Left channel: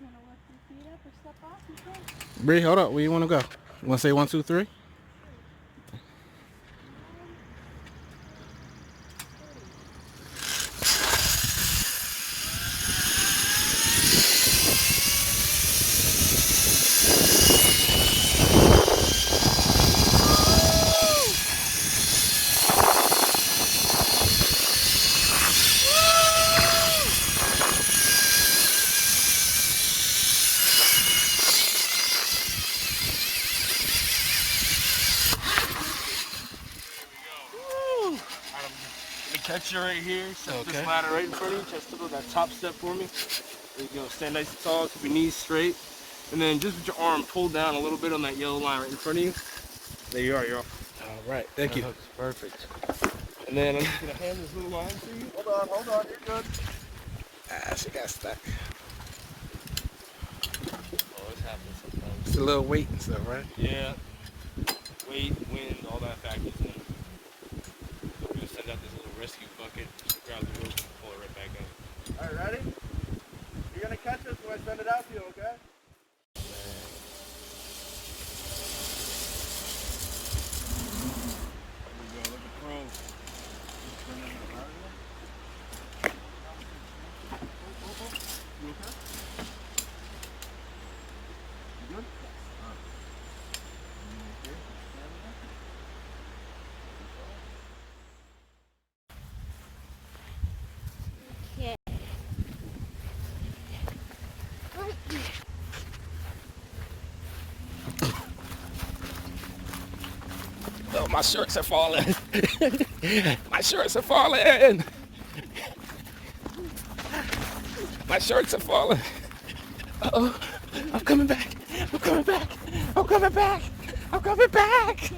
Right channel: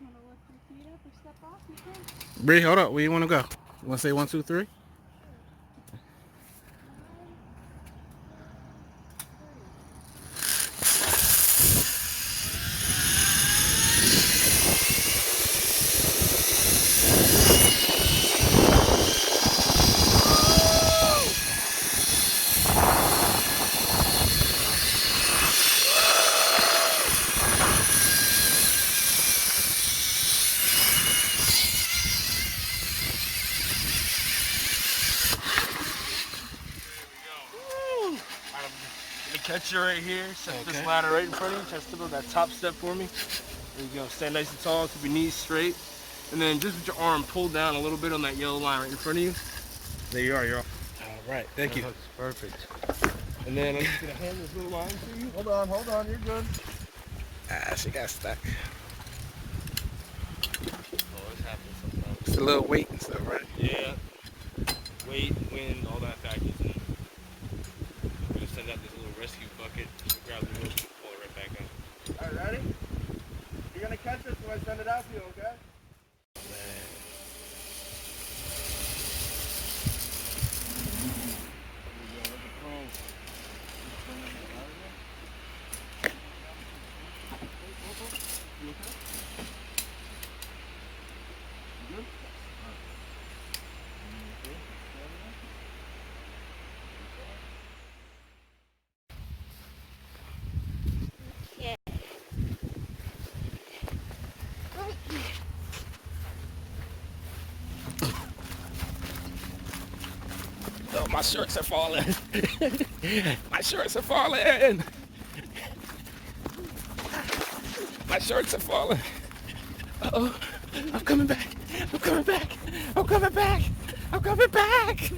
want to lift your feet up or step off, you can. Bree, hold up. Where you want to go? You want to say 1, 2, 3? The catcher right here, set this ladder right in front of you, touch that top step for me. There you go, stand nice and tall, keep your knees straight. And then just with your arm pulled down a little bit on that yellow line right in front of you. There you are, you're off. All right, thank you. Perfect. And then I'm just gonna hand this little line to you. Hold on, you're good. Ah, she got stuck. Always happens sometimes. It's a little weight and stuff, right? Yeah. Weight, wind, all that factors in. We're gonna send out this little rescue bucket. Just grab the rope and pull it right back up. Alright, ready? You're gonna catch this when I send it out to you, okay? Oh, my shorts are falling. My shorts are falling. My shorts are falling. Uh-oh. I'm coming back. I'm coming back. I'm coming back. I'm coming back.